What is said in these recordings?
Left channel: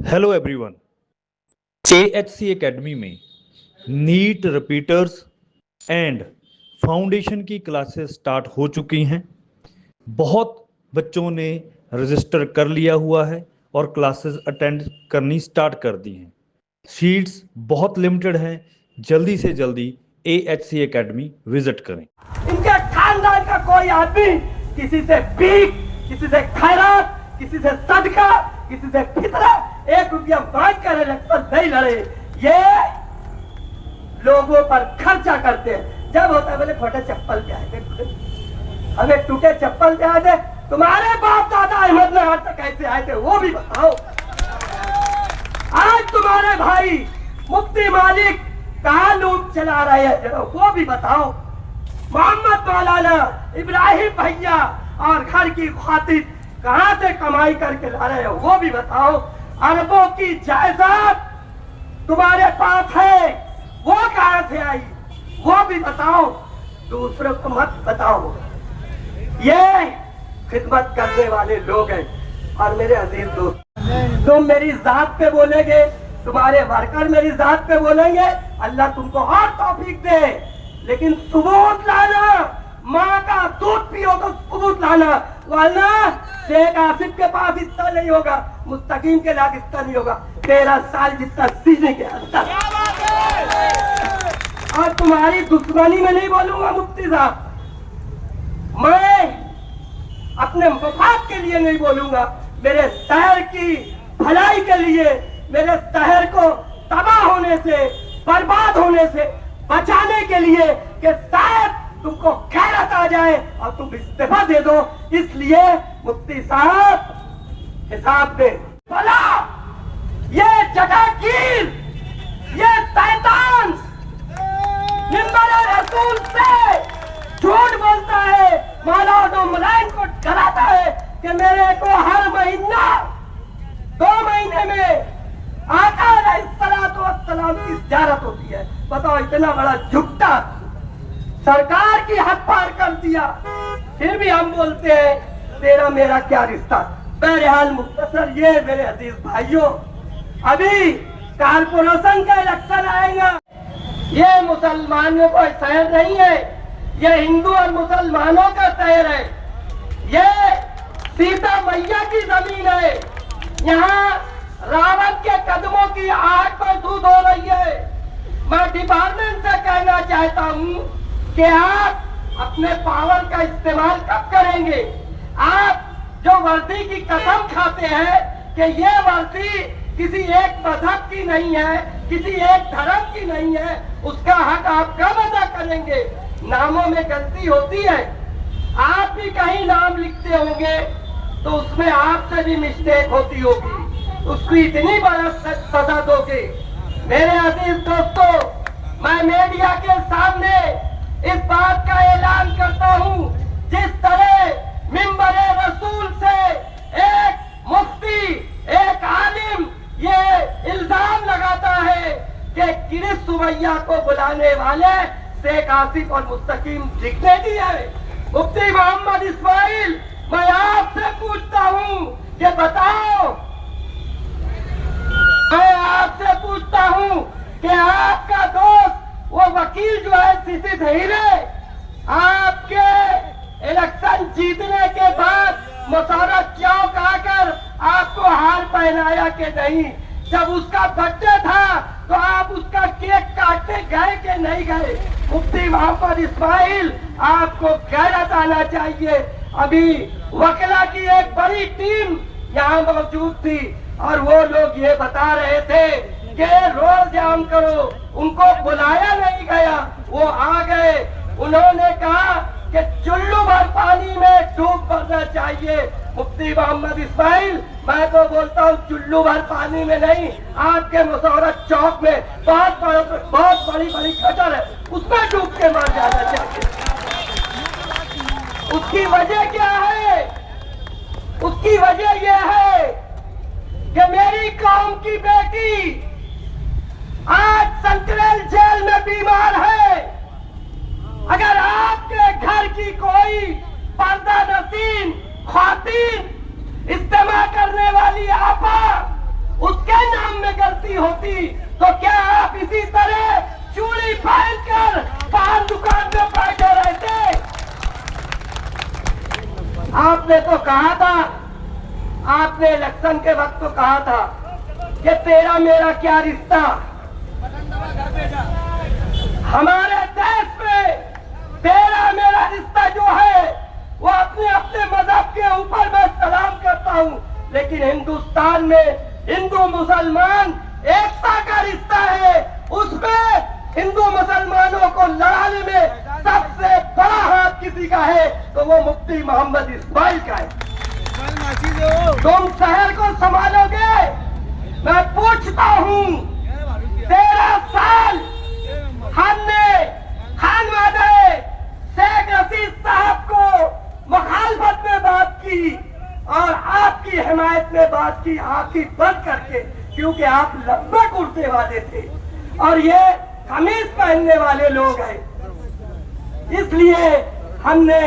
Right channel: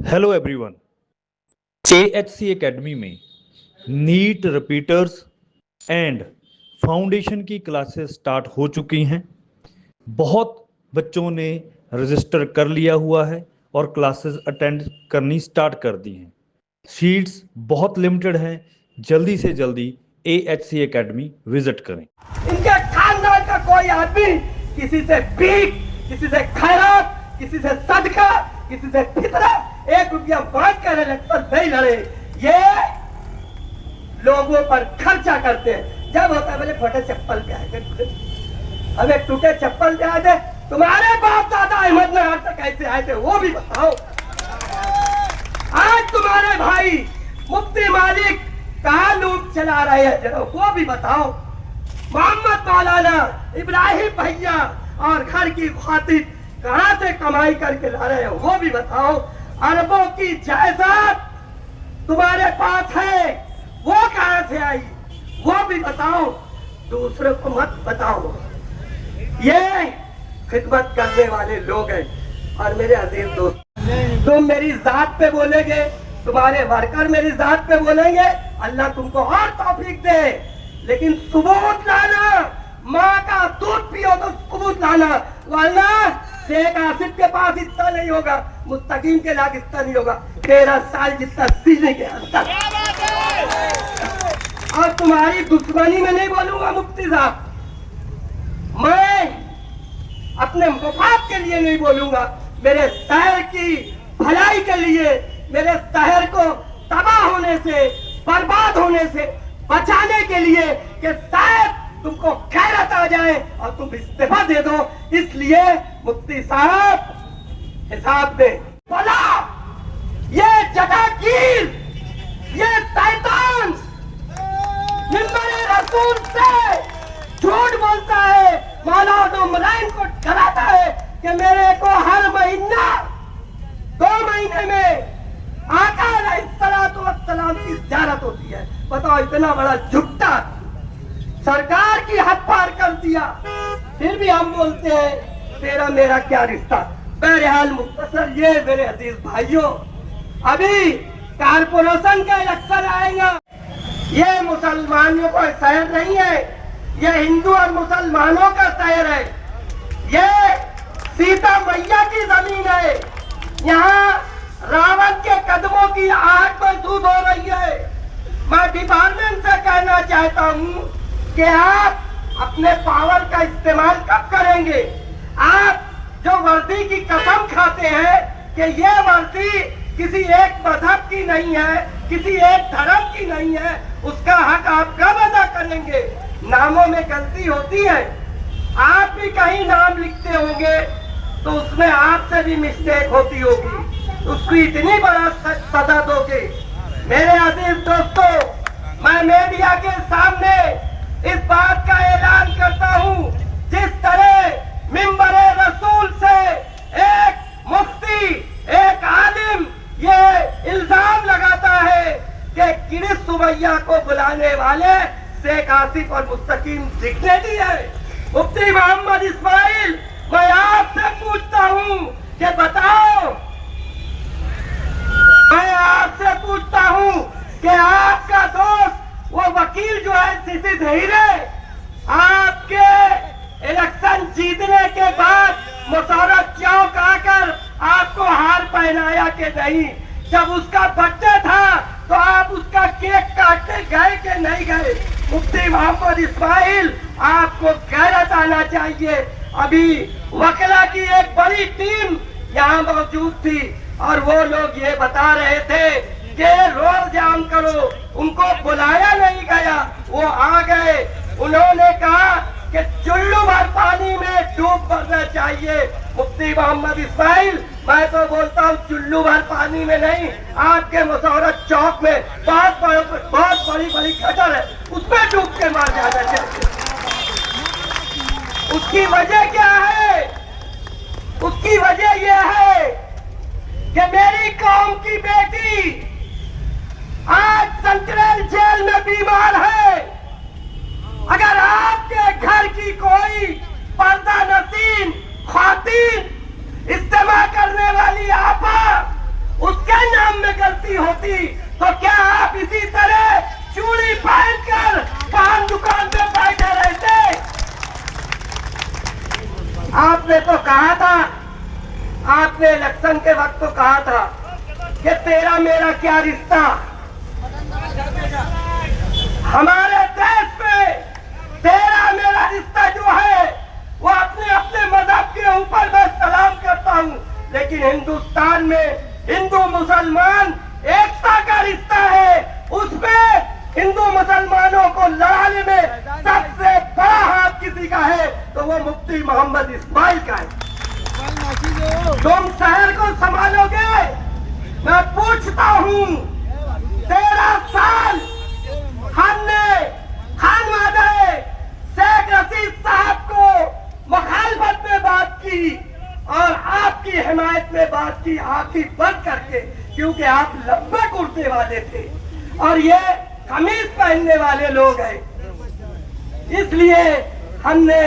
Hello everyone. AHC academy में NEET repeaters and foundation की classes start हो चुकी हैं। बहुत बच्चों ने रजिस्टर कर लिया हुआ है और क्लासेस अटेंड करनी स्टार्ट कर दी हैं। सीट्स बहुत लिमिटेड हैं। जल्दी से जल्दी AHC एकेडमी विजिट करें। इनके खानदान का कोई आदमी किसी से भीख, किसी से खैरात, किसी से सदका, किसी से फितरा 1 रुपया मांग कर इलेक्शन नहीं लड़े। ये लोगों पर खर्चा करते हैं। जब होता है बोले फटे चप्पल पे आए थे, अबे टूटे चप्पल पे आए थे। तुम्हारे बाप दादा अहमदनगर से कैसे आए थे वो भी बताओ। आज तुम्हारे भाई मुफ्ती मालिक कहाँ लूट चला रहे हैं जरा वो भी बताओ। मोहम्मद मौलाना इब्राहिम भैया और घर की खातिर कहां से कमाई करके ला रहे हो वो भी बताओ। अरबों की जायदाद तुम्हारे पास है वो कहां से आई वो भी बताओ। दूसरों को मत बताओ। ये खिदमत करने वाले लोग हैं। और मेरे अजीज दोस्त, तुम मेरी जात पे बोलेंगे, तुम्हारे वर्कर मेरी जात पे बोलेंगे, अल्लाह तुमको और तौफीक दे। लेकिन सबूत लाना, माँ का दूध पियो तो सबूत लाना, वरना शेख आसिफ के पास इतना नहीं होगा, मुस्तकीम के लाख इतना नहीं होगा। 13 साल जितना सीने के अंदर। और तुम्हारी दुश्मनी में नहीं बोलूंगा मुफ्ती साहब, मैं अपने मुफाद के लिए नहीं बोलूंगा, मेरे शहर की भलाई के लिए, मेरे शहर को तबाह होने से, बर्बाद होने से बचाने के लिए कि शायद तुमको खैरत आ जाए और तुम इस्तीफा दे दो। इसलिए मुफ्ती साहब हिसाब दे भला ये जगाकीर, ये शैतान मिंबर रसूल से झूठ बोलता है, मौलाना मुलायम को डराता है कि मेरे को हर महीना 2 महीने में आका अलैहिस्सलाम की ज़ियारत होती है। बताओ इतना बड़ा झुकता सरकार की हद पार कर दिया, फिर भी हम बोलते हैं तेरा मेरा क्या रिश्ता। बहरहाल मुख्तसर ये मेरे अजीज भाइयों, अभी कारपोरेशन का इलेक्शन आएगा। ये मुसलमानों का शहर नहीं है, ये हिंदू और मुसलमानों का शहर है। ये सीता मैया की जमीन है। यहाँ रावण के कदमों की आग महसूस हो रही है। मैं डिपार्टमेंट से कहना चाहता हूँ कि आप अपने पावर का इस्तेमाल कब करेंगे। आप जो वर्दी की कसम खाते हैं कि ये वर्दी किसी एक मजहब की नहीं है, किसी एक धर्म की नहीं है, उसका हक आप कब अदा करेंगे। नामों में गलती होती है, आप भी कहीं नाम लिखते होंगे तो उसमें आपसे भी मिस्टेक होती होगी, उसको इतनी बड़ा सजा दोगे। मेरे अजीज दोस्तों, मैं मीडिया के सामने इस बात का ऐलान करता हूँ, जिस तरह मिंबर रसूल से एक मुफ्ती, एक आलिम ये इल्जाम लगाता है कि किरिस सुमैया को बुलाने वाले शेख आसिफ और मुस्तकीम दिखने दिए। मुफ्ती मोहम्मद इस्माइल, मैं आपसे पूछता हूँ कि बताओ, मैं आपसे पूछता हूँ कि आपका दोस्त वो वकील जो है सिसी हीरे, आपके इलेक्शन जीतने के बाद मुशर्रफ चौक आकर आपको हार पहनाया कि नहीं। जब उसका बर्थडे था तो आप उसका केक काटने गए कि नहीं गए। मुफ्ती मोहम्मद इस्माइल, आपको गैरत आना चाहिए। अभी वकला की एक बड़ी टीम यहाँ मौजूद थी और वो लोग ये बता रहे थे कि रोड जाम करो, उनको बुलाया नहीं गया, वो आ गए। उन्होंने कहा कि चुल्लू भर पानी में डूब मरना चाहिए। मुफ्ती मोहम्मद इस्माइल, मैं तो बोलता हूँ चुल्लू भर पानी में नहीं, आपके मुशर्रफ चौक में बहुत बड़ी खटर है, उसमें डूब के मर जाना चाहिए। उसकी वजह क्या है? उसकी वजह यह है कि मेरी कौम की बेटी आज सेंट्रल जेल में बीमार है। अगर आपके घर की कोई पर्दा नसीन खातिन इस्तेमाल करने वाली आपा उसके गलती होती तो क्या आप इसी तरह चूड़ी पहनकर पान दुकान पे बैठे रहते? आपने तो कहा था, आपने इलेक्शन के वक्त तो कहा था कि तेरा मेरा क्या रिश्ता। हमारे देश में तेरा मेरा रिश्ता जो है वो अपने अपने मजहब के ऊपर मैं सलाम करता हूँ, लेकिन हिंदुस्तान में हिंदू मुसलमान एकता का रिश्ता है। उसमें हिंदू मुसलमानों को लड़ाने में सबसे बड़ा हाथ किसी का है तो वो मुफ्ती मोहम्मद इस्माइल का है। तुम शहर को संभालोगे? मैं पूछता हूँ, 13 साल हमने खानवादे शेख रशीद साहब को मुखालफत में बात की और आपकी हिमायत में बात की आंखें बंद करके, क्योंकि आप लंबे कुर्ते वाले थे और ये कमीज पहनने वाले लोग हैं। इसलिए हमने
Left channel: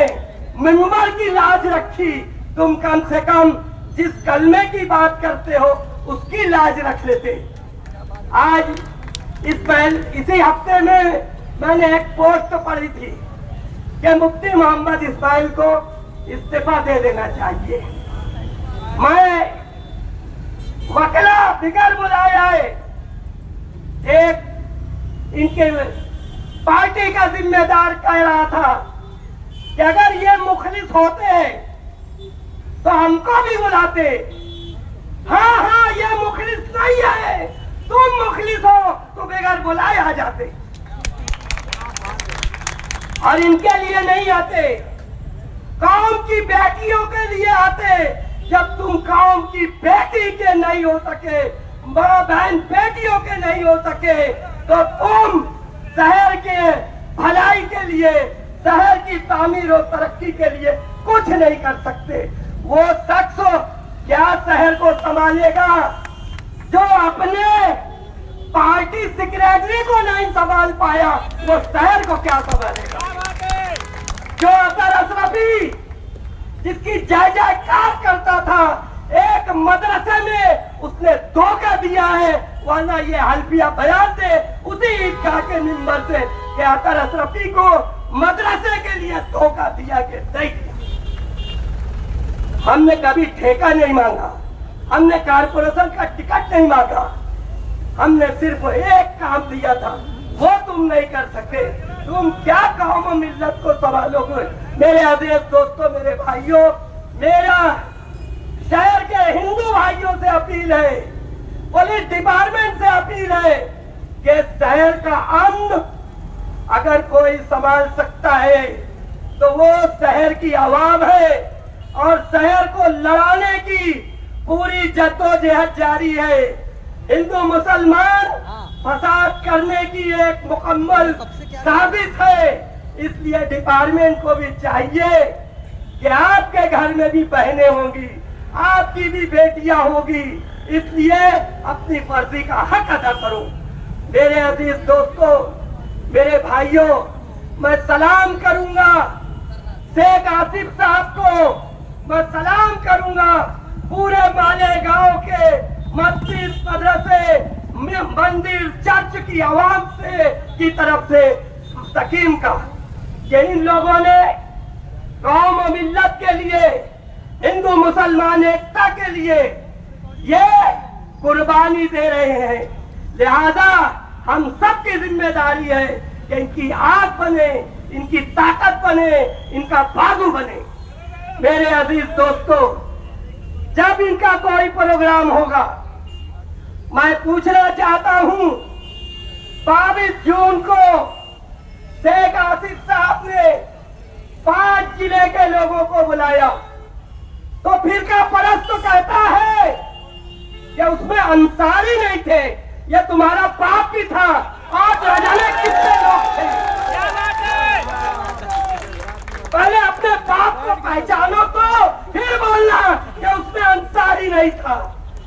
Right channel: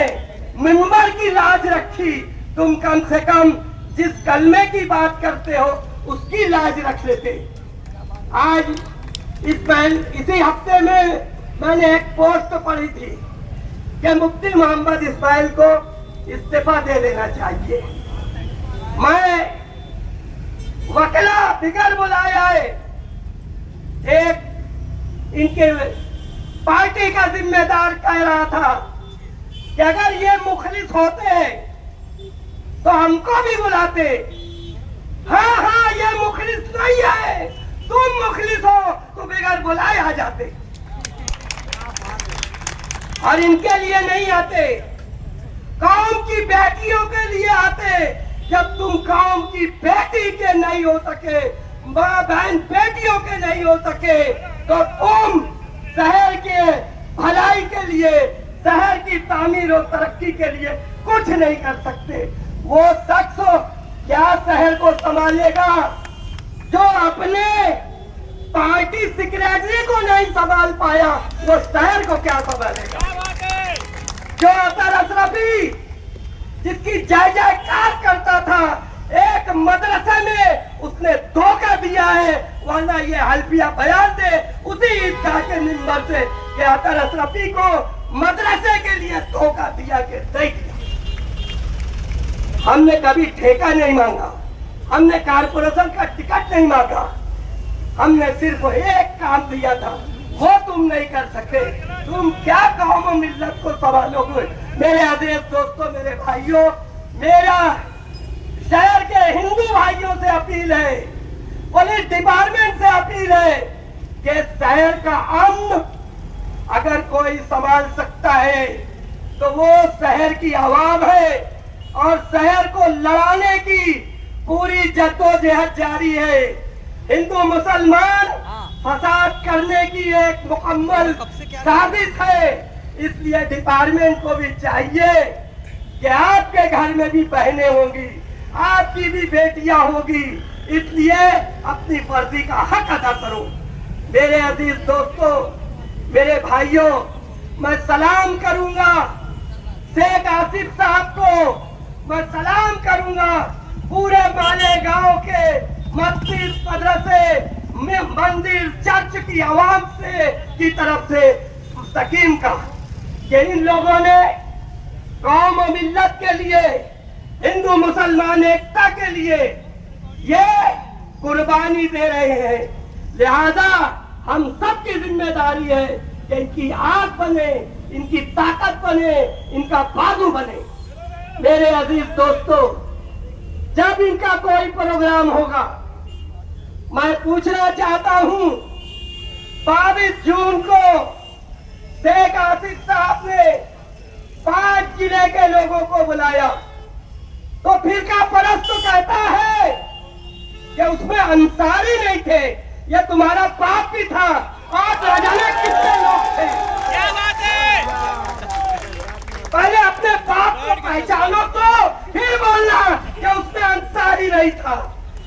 मिंबर की लाज रखी। तुम कम से कम जिस कलमे की बात करते हो उसकी लाज रख लेते। आज इसी हफ्ते में मैंने एक पोस्ट पढ़ी थी कि मुफ्ती मोहम्मद इस्माइल को इस्तीफा दे देना चाहिए। मैं वकला बिगर बुलाया है, एक इनके पार्टी का जिम्मेदार कह रहा था कि अगर ये मुखलिस होते तो हमको भी बुलाते। हाँ हाँ, ये मुखलिस नहीं है, तुम मुखलिस हो तो बगैर बुलाए आ जाते और इनके लिए नहीं आते, कौम की बेटियों के लिए आते। जब तुम कौम की बेटी के नहीं हो सके, माँ बहन बेटियों के नहीं हो सके, तो तुम शहर के भलाई के लिए, शहर की तामीर और तरक्की के लिए कुछ नहीं कर सकते। वो शख्स क्या शहर को संभालेगा जो अपने पार्टी सेक्रेटरी को नहीं संभाल पाया, वो शहर को क्या संभालेगा? जो अतर अशरफी जिसकी जय जयकार करता था, एक मदरसे में उसने धोखा दिया है, वरना ये हल्फिया बयान दे उसी ईदगाह के मिंबर से कि अतर अशरफी को मदरसे के लिए धोखा दिया के देख लिया। हमने कभी ठेका नहीं मांगा, हमने कारपोरेशन का टिकट नहीं मांगा, हमने सिर्फ एक काम दिया था, वो तुम नहीं कर सके। तुम क्या कौम मिल्लत को संभालोगे? मेरे अजीज दोस्तों, मेरे भाइयों, मेरा शहर के हिंदू भाइयों से अपील है, पुलिस डिपार्टमेंट से अपील है कि शहर का अमन अगर कोई संभाल सकता है तो वो शहर की आवाम है और शहर को लड़ाने की पूरी जद्दोजहद जारी है। हिंदू मुसलमान फसाद करने की एक मुकम्मल साजिश है। इसलिए डिपार्टमेंट को भी चाहिए कि आपके घर में भी बहनें होंगी, आपकी भी बेटियां होगी, इसलिए अपनी फर्जी का हक अदा करो। मेरे अजीज दोस्तों, मेरे भाइयों, मैं सलाम करूंगा शेख आसिफ साहब को, मैं सलाम करूंगा पूरे मालेगांव के मस्जिद, मदरसे, मंदिर, चर्च की आवाम से की तरफ से मुस्तकीम का कि इन लोगों ने कौम और मिल्लत के लिए, हिंदू मुसलमान एकता के लिए ये कुर्बानी दे रहे हैं। लिहाजा हम सबकी जिम्मेदारी है कि इनकी आग बने, इनकी ताकत बने, इनका बाजू बने। मेरे अजीज दोस्तों, जब इनका कोई प्रोग्राम होगा, मैं पूछना चाहता हूं, 22 जून को शेख आसिफ साहब ने 5 जिले के लोगों को बुलाया, तो फिरका परस्त तो कहता है कि उसमें अंसारी नहीं थे, ये तुम्हारा बाप भी था। आप जाने कितने लोग थे? पहले अपने बाप को पहचानो तो फिर बोलना कि उसमें अंसारी नहीं था।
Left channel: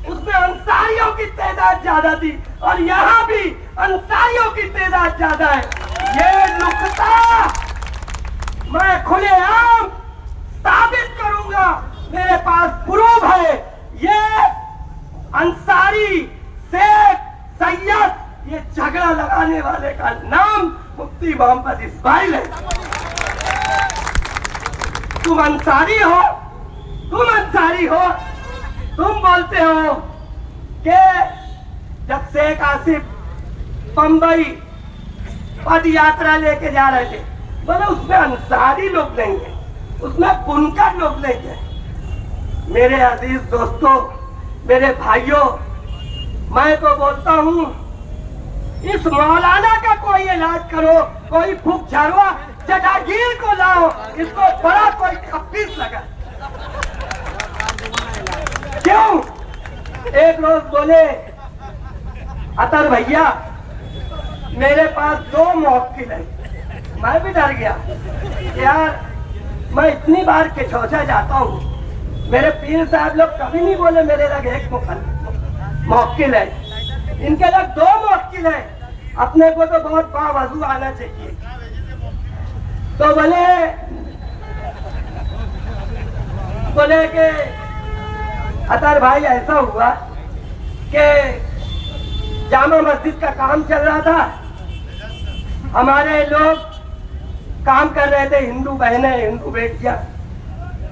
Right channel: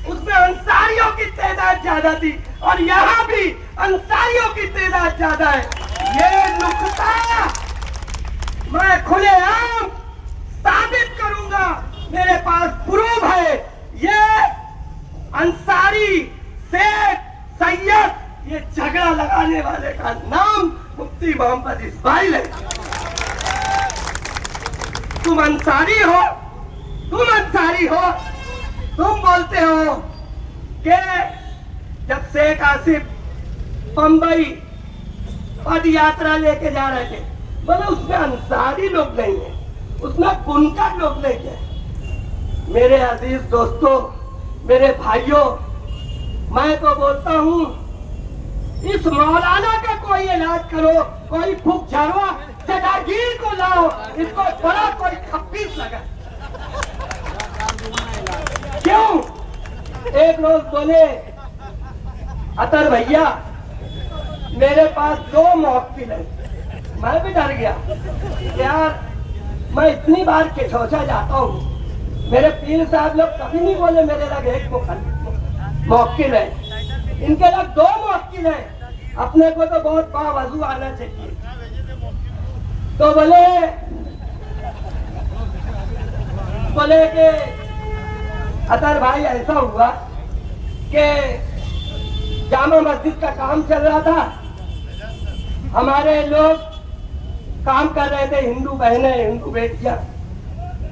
उसमें अंसारियों की तादाद ज्यादा थी और यहाँ भी अंसारियों की तादाद ज्यादा है। ये नुक्ता मैं खुलेआम साबित करूंगा, मेरे पास प्रूफ है। ये अंसारी शेख सैयद, ये झगड़ा लगाने वाले का नाम मुफ्ती मोहम्मद इस्माइल है। तुम अंसारी हो, तुम बोलते हो कि जब शेख आसिफ बंबई पद यात्रा लेके जा रहे थे, बोले उसमें अंसारी लोग नहीं है, उसमें बुनकर लोग नहीं है। मेरे अजीज दोस्तों, मेरे भाइयों, मैं तो बोलता हूँ इस मौलाना का कोई इलाज करो, कोई फूक झाड़वा चटागीर को लाओ, इसको बड़ा कोई खप्पीस लगा। क्यों? एक रोज बोले अतर भैया मेरे पास 2 मौक्किल है। मैं भी डर गया यार, मैं इतनी बार के छोचा जाता हूँ, मेरे पीर साहब लोग कभी नहीं बोले मेरे लग एक मौक्किल है, इनके लग 2 मौक्किल है। अपने को तो बहुत बावजू आना चाहिए। तो बोले कि अतर भाई ऐसा हुआ कि जामा मस्जिद का काम चल रहा था, हमारे लोग काम कर रहे थे, हिंदू बहनें, हिंदू बेटियां,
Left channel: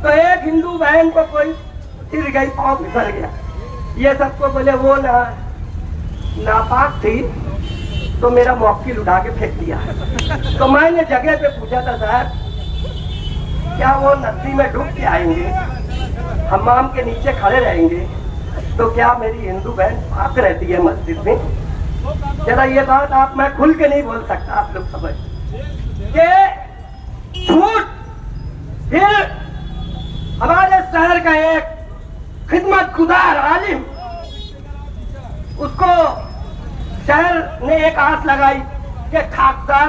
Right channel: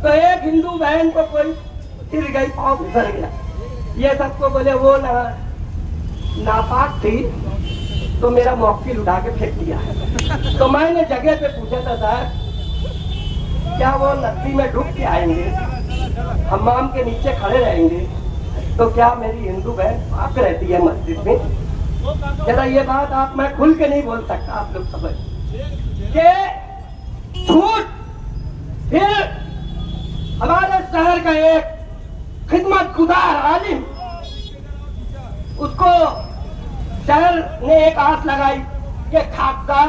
तो एक हिंदू बहन को कोई गिर गई, पाँव फिसल गया। ये सबको बोले वो नापाक थी, तो मेरा मौक्किल उठा के फेंक दिया। तो मैंने जगह पे पूछा था, साहब क्या वो नदी में डूब के आएंगे, हम्माम के नीचे खड़े रहेंगे, तो क्या मेरी हिंदू बहन पाक रहती है मस्जिद में? जरा ये बात आप, मैं खुल के नहीं बोल सकता, आप लोग समझ के झूठ। फिर हमारे शहर का एक खिदमतगुजार आलिम, उसको शहर ने एक आस लगाई कि खाकसार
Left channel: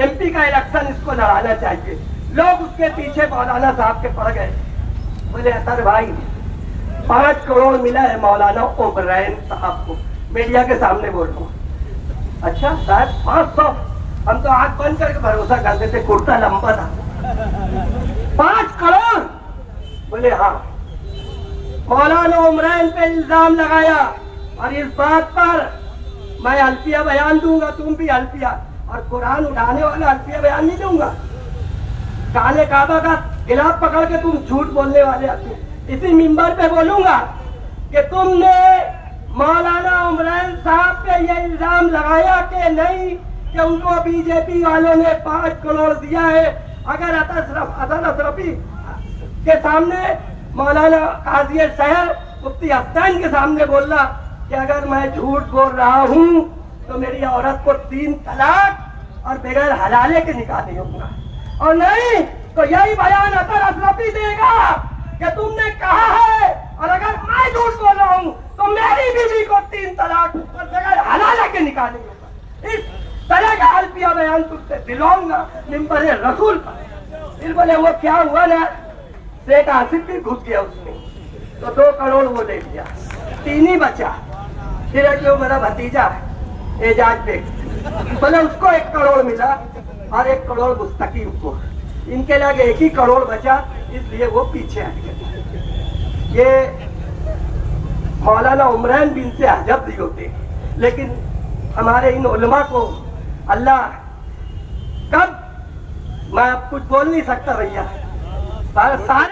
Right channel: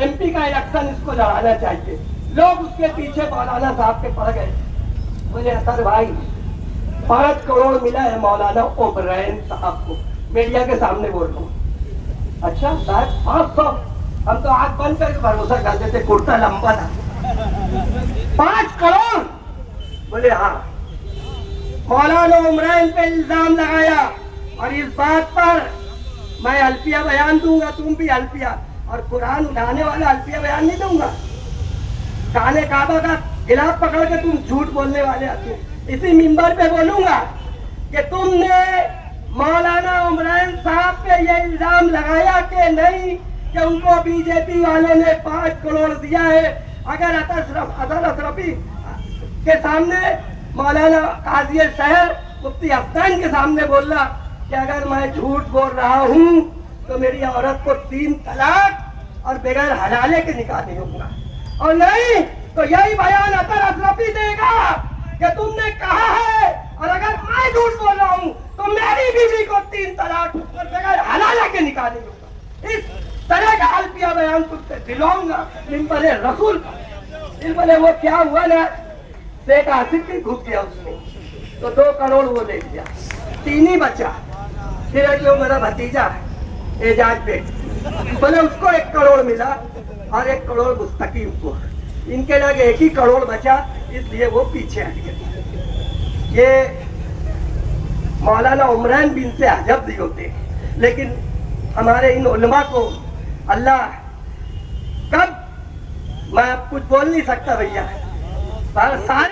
MP का इलेक्शन इसको लड़ाना चाहिए। लोग उसके पीछे मौलाना साहब के पड़ गए। बोले अतर भाई 5 करोड़ मिला है मौलाना ओबरैन साहब को, मीडिया के सामने बोल रहा हूँ। अच्छा साहब 500? हम तो आंख बंद करके भरोसा करते थे, कुर्ता लंबा था। 5 करोड़? बोले हाँ। मौलाना ओबरैन पे इल्जाम लगाया, और इस बात पर मैं अल्फिया बयान दूंगा, तुम भी अल्फिया, और कुरान उठाने वाला अल्फिया बयान नहीं दूंगा। काले काबा का गिलाफ पकड़ के तुम झूठ बोलने वाले आते। इसी मिंबर पे बोलूंगा कि तुमने मौलाना ओबरैन साहब पे ये इल्जाम लगाया कि नहीं कि उनको बीजेपी वालों ने 5 करोड़ दिया है। अगर अतर अशरफी के सामने मौलाना काजी शहर मुफ्ती अफसान के सामने बोला कि अगर मैं झूठ बोल रहा हूँ तो मेरी औरत को 3 तलाक और बगैर हलाले के निकाले होगा, और नहीं तो यही बयान अतर अशरफी देगा कि तुमने कहा है, और अगर मैं झूठ बोल रहा हूँ तो मेरी बीवी को 3 तलाक और बगैर हलाले के निकाले होगा। इस तरह का अल्फिया बयान तुमसे दिलाऊंगा मिंबर रसूल पर। फिर बोले वो क्या हुआ ना, शेख आसिफ भी घुस गया उसमें, तो 2 करोड़ वो ले लिया, 3 ही बचा। फिर जो मेरा भतीजा एजाज बेग, बोले उसको 1 करोड़ मिला, और 1 करोड़ मुस्तकीम को, इनके लगे 1 ही करोड़ बचा, इसलिए वो पीछे हट गए। ये मौलाना उमरान बिन से अजब नहीं होते, लेकिन हमारे इन उलमा को अल्लाह कब, मैं अब कुछ बोल नहीं सकता भैया, सारे